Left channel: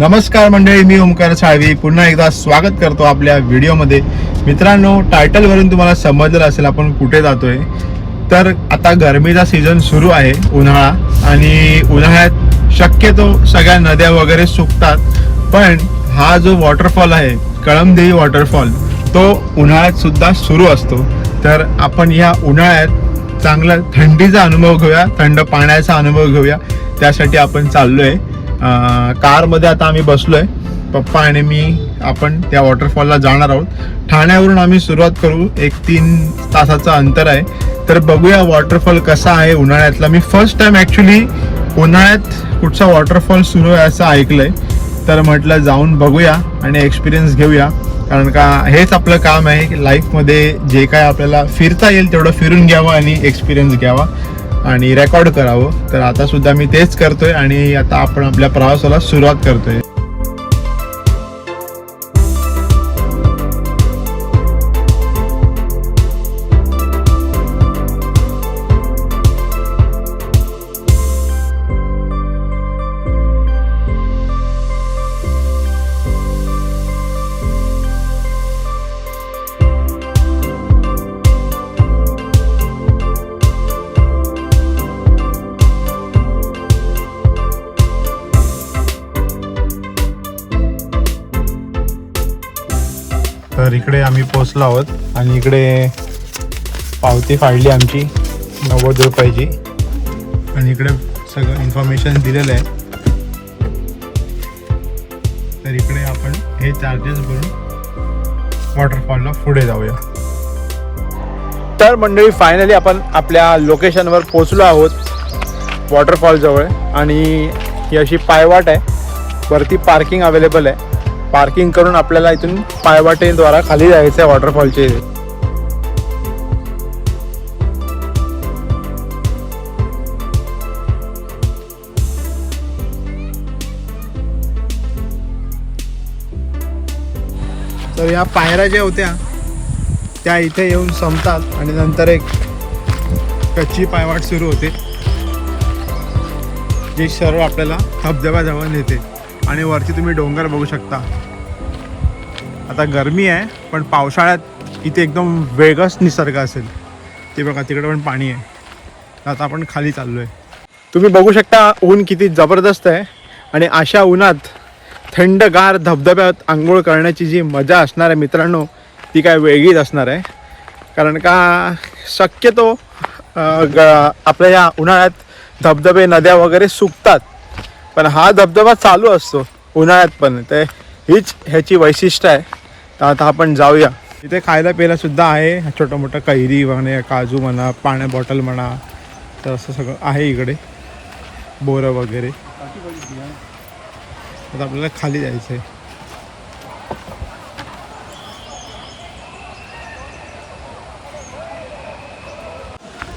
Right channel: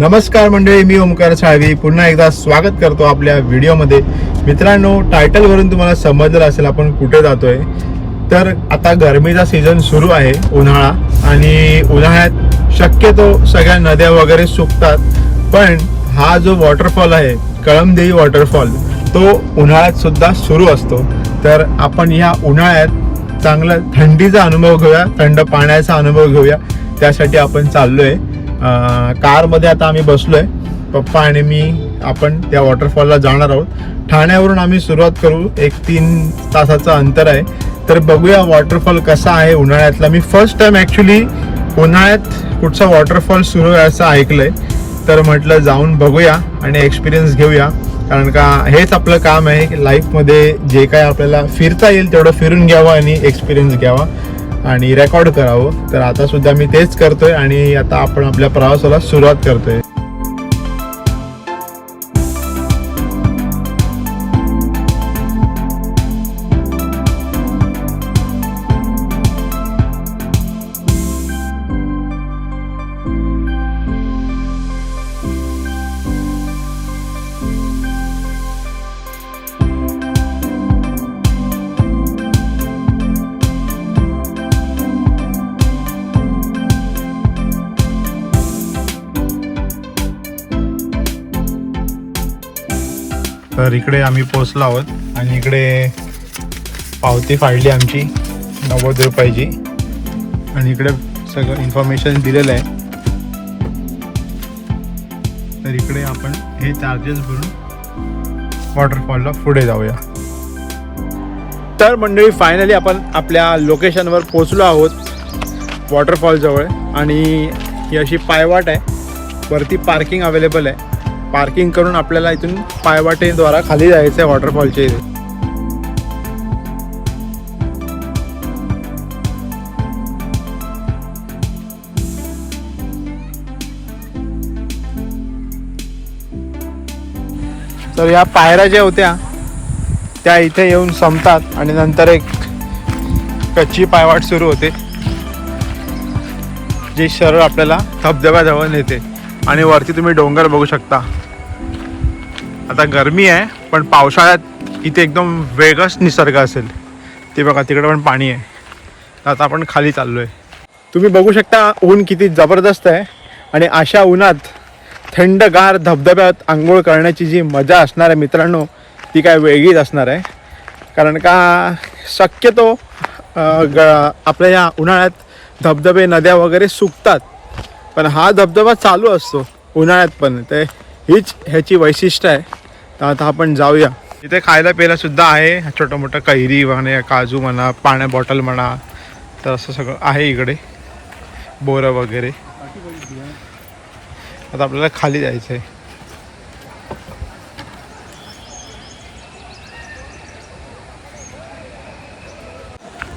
नमस्कार मंडळी, मी ओमकार साळवी पुन्हा एकदा स्वागत करतो आपल्या व्हिडिओमध्ये. मित्रांनो, टायटलवरून तुम्हाला समजलं असेल आपण कुठे जातोय. तर आता गरमीचा सीझन सुरू आहे, उन्हाळा, आणि उन्हाळ्यात शक्यतो सगळ्या नद्या वगैरे सुकतात. पण हा जो वॉटरफॉल आहे, कळमदेवी वॉटरफॉल, तो उन्हाळ्यात सुद्धा सुरू असतो. तर आपण ह्या उन्हाळ्यात चांगला थंडीचा अनुभव घेऊया, थंड पाण्याचा अनुभव घेऊया. त्यासाठी आपण चाललोय कारमध्ये. आता आम्ही बसलोय, पप्पा आणि मी. आपण त्या वॉटरफॉलला जाणार आहोत. ठाण्यावरून आम्ही सुरुवात करू. 3 तासाचं अंतर आहे. तर बघूया वॉटरफॉल कसा आहे उन्हाळ्यातला. मी फर्स्ट टाइम ॲक्च्युली उन्हाळ्यात कुठचा वॉटरफॉल सुरू आहे असं ऐकलंय. तर म्हटलं जाऊन बघूया आणि एक्सपिरियन्स घेऊया. कारण का हेच आपलं काम आहे की लाईफमध्ये जे काय आपल्याला फिरता येईल तेवढं फिरून घ्यावं आणि एक्सपिरियन्स घ्यावा आणि रेकॉर्ड करावं. तर आता सुद्धा मी तेच करतोय आणि आता आपण आपल्या प्रवासाला सुरुवात करतोय. तर इकडे आम्ही पोचलो आहोत आणि इकडे पावती फाडली आमची 90 रुपयाची आणि इकडे सगळं इन्फॉर्मेशन दिलेलं आहे. तर इकडे आपण हे चार्जेस भरून वॉटरफॉलला पुढे जाऊया. तर मंडळी, फायनली आपण आपल्या लोकेशनवर पोचलो आहोत वॉटरफॉल जवळ. आणि ही अशी पायवाट आहे, वरती पार्किंग अवेलेबल आहे. पार्किंग करून आपल्याला इथून पायवाटेद्वारा खाली जायचं आहे वॉटरफॉलचे. तर या पायऱ्या ज्या होत्या त्या इथे येऊन संपतात आणि नंतर एक कच्ची पायवाट सुरू होते, जी सरळ आपल्याला धबधब्याजवळ नेते. आणि वरती तुम्ही डोंगर बघू शकता. आता गरमी आहे, पण पावसाळ्यात इथे एकदम वेगळाच निसर्ग असेल. ते बघा, तिकडे पण पाणी आहे. आता आपण खाली चाललो आहे. तुम्ही बघू शकता ऊन किती जबरदस्त आहे. आणि अशा उन्हात थंडगार धबधब्यात आंघोळ करण्याची जी मजा असणार आहे मित्रांनो, ती काय वेगळीच असणार आहे. कारण का शक्यतो आपल्या या उन्हाळ्यात धबधबे, नद्या वगैरे सुकतात, पण हा धबधबा चालू असतो उन्हाळ्यात पण. तर हीच ह्याची वैशिष्ट्य आहे. तर आता आपण जाऊया. इथे खायला प्यायला सुद्धा आहे, छोटं मोठं कैरी म्हणा, काजू म्हणा, पाण्या बॉटल म्हणा. तर असं सगळं आहे इकडे, बोरं वगैरे. आता आपल्याला खाली जायचं आहे.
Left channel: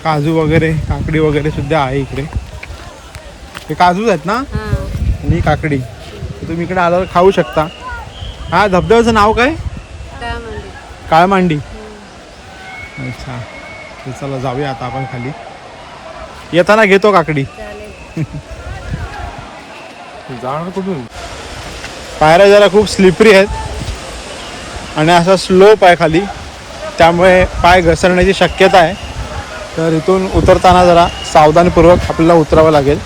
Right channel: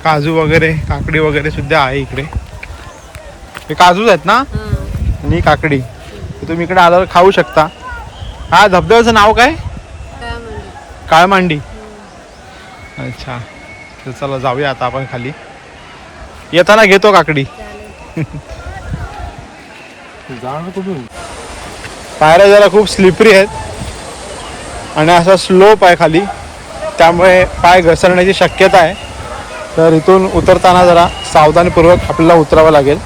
काजू वगैरे, काकडी वगैरे सुद्धा आहे इकडे. हे काजूच आहेत ना, आणि काकडी. तुम्ही इकडे आल्यावर खाऊ शकता. हा धबधब्याचं नाव काय? काळमांडी. अच्छा, तर चला जाऊया आता आपण खाली. येताना घेतो काकडी. कुठून पायऱ्या जरा खूप स्लिपरी आहेत आणि असा स्लोप आहे खाली, त्यामुळे पाय घसरण्याची शक्यता आहे. तर इथून उतरताना जरा सावधानपूर्वक आपल्याला उतरावं लागेल.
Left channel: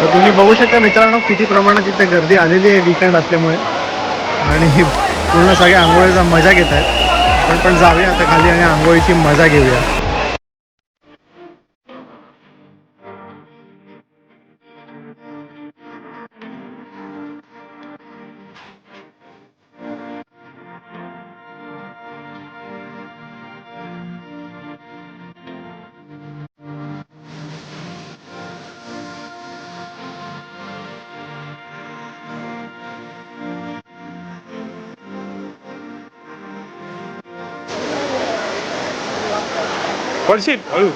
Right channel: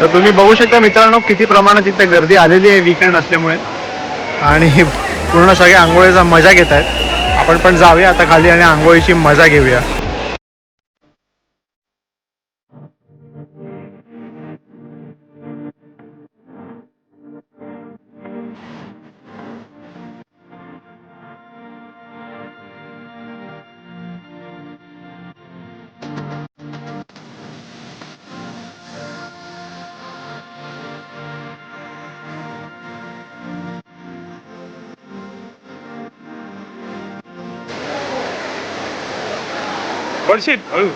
तर तुम्ही बघू शकता मित्रांनो, किती प्रमाणात इथे गर्दी आलेली आहे वीकेंड असल्यामुळे. आणि पूर्ण सगळे आंघोळीचा मजा घेत आहेत. आपण पण जाऊया आता खाली आणि आंघोळीची मजा घेऊया. पडशील हळू.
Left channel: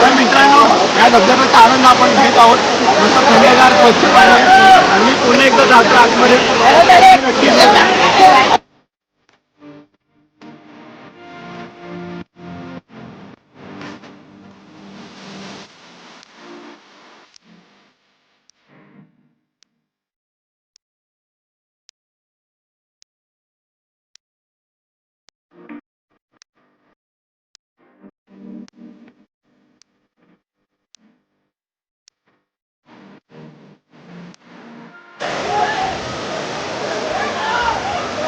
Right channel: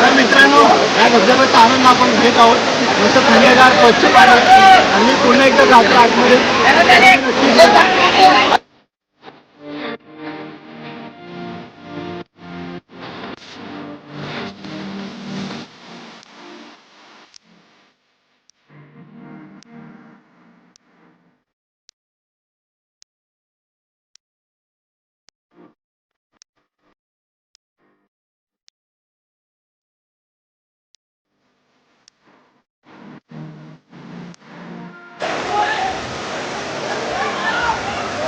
तर मित्रांनो, या धबधब्याचा आनंद आपण घेत आहोत. मस्त थंडगार स्वच्छ पाणी आणि मी पुन्हा एकदा जातो आतमध्ये.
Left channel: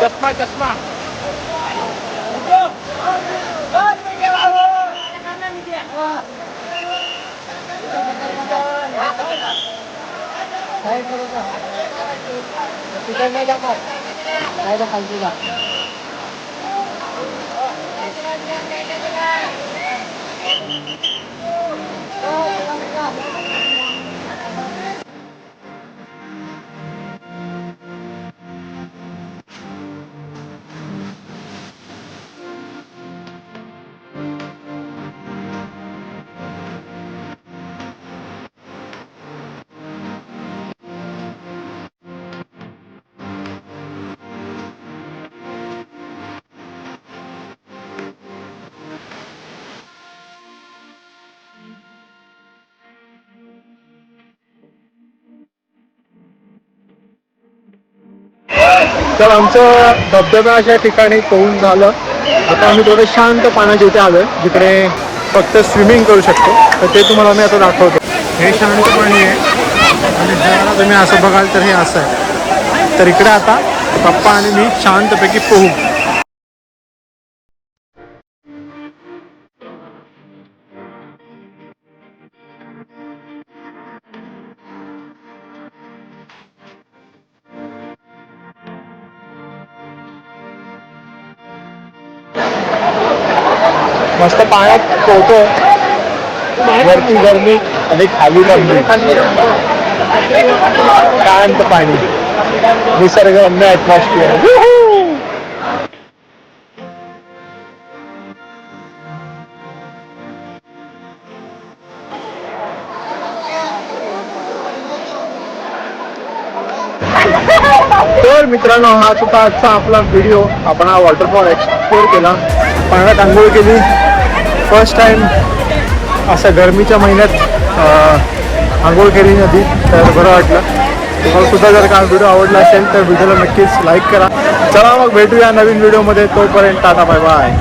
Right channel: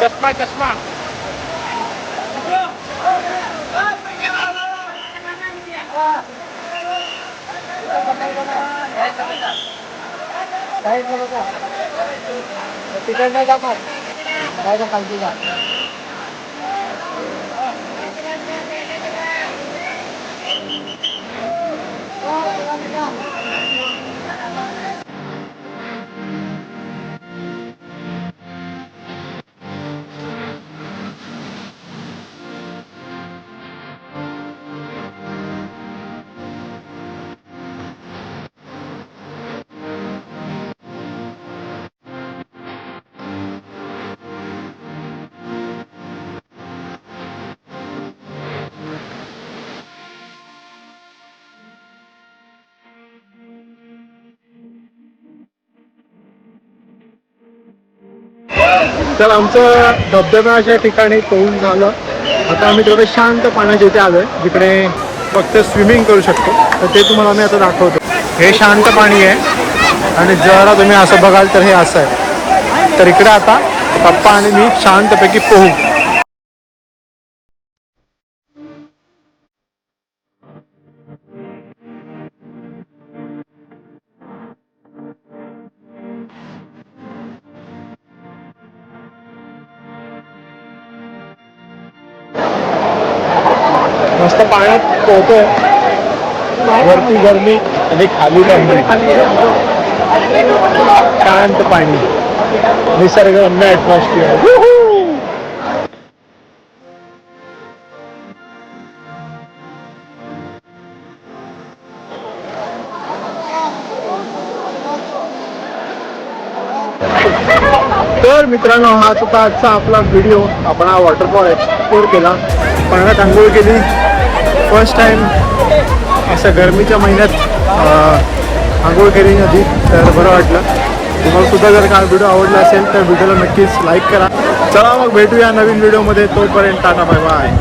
चष्मा चष्मा तिकडनं दाखव काय खालती जा. तर आमचं धबधब्याच्या ठिकाणी पोहून झालं. आता आम्ही थोडं शांत पाण्याच्या इथे आलोय जिकडे फक्त स्विमिंग करू शकतो. तर ते तुम्हाला मी आता दाखवतो. हे शांत पाणी आहे आणि जरा तुम्ही असं बघाल तर हे असं आहे. तर इकडे आता पप्पा आणि मी शांतपैकी पोहू. मस्त पाण्यात पोहतोय. वरती गरमी आणि खाली गरमी. शांत पाणी, निसर्गरम्य ॲटमॉस्फिअर. तर मित्रांनो, हा होता आजचा आपला व्हिडिओ. आपण हा वॉटरफॉल एक्सप्लोर केला, पाण्यात आंघोळ केली फर्स्ट टाइम. असं गरमीच्या महिन्यात आंघोळ केली नदी, तर बरं वाटलं. तुम्हाला सुद्धा जर का व्हिडिओ आवडला असेल तर व्हिडिओला नक्कीच लाईक करा. चला मग भेटूया नवीन व्हिडिओमध्ये. तोपर्यंत टाटा बाय बाय.